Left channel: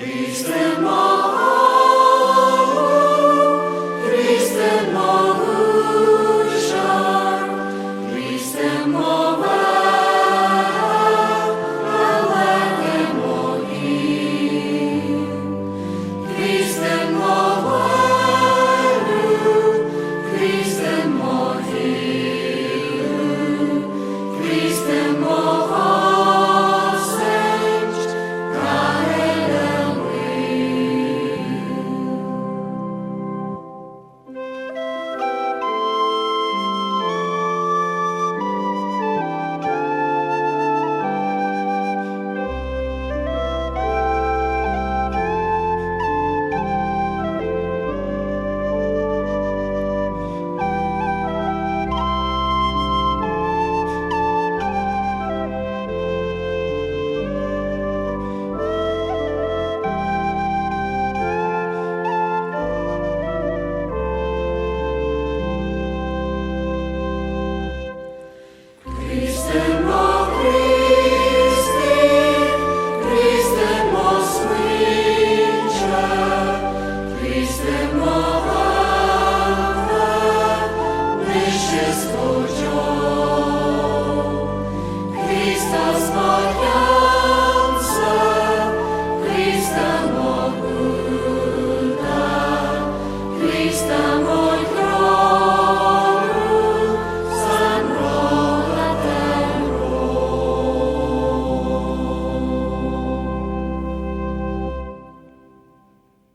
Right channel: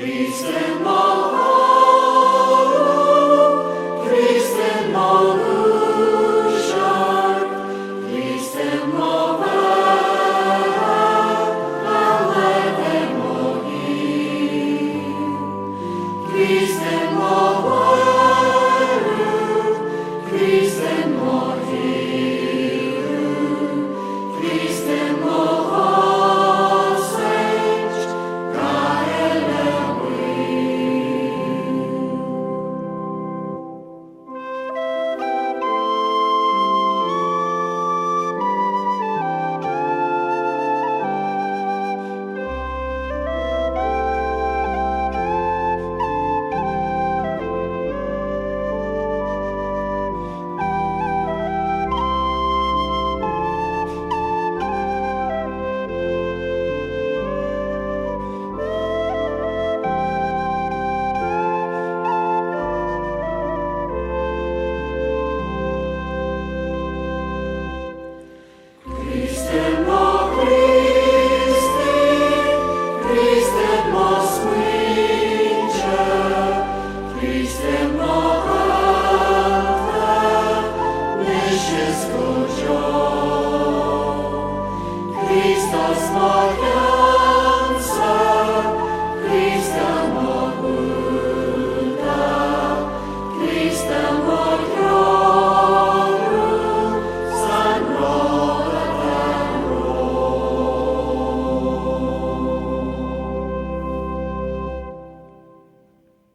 Christem Malu, Christem Malusha, Christem Movera, Lavete Mohim, Christem Moveru, Christem Mohilu, Christem Movosect, Christem O Christi, Christem O Sweetcha, Christem O Alpha, Wishes for joy, Christos Maria.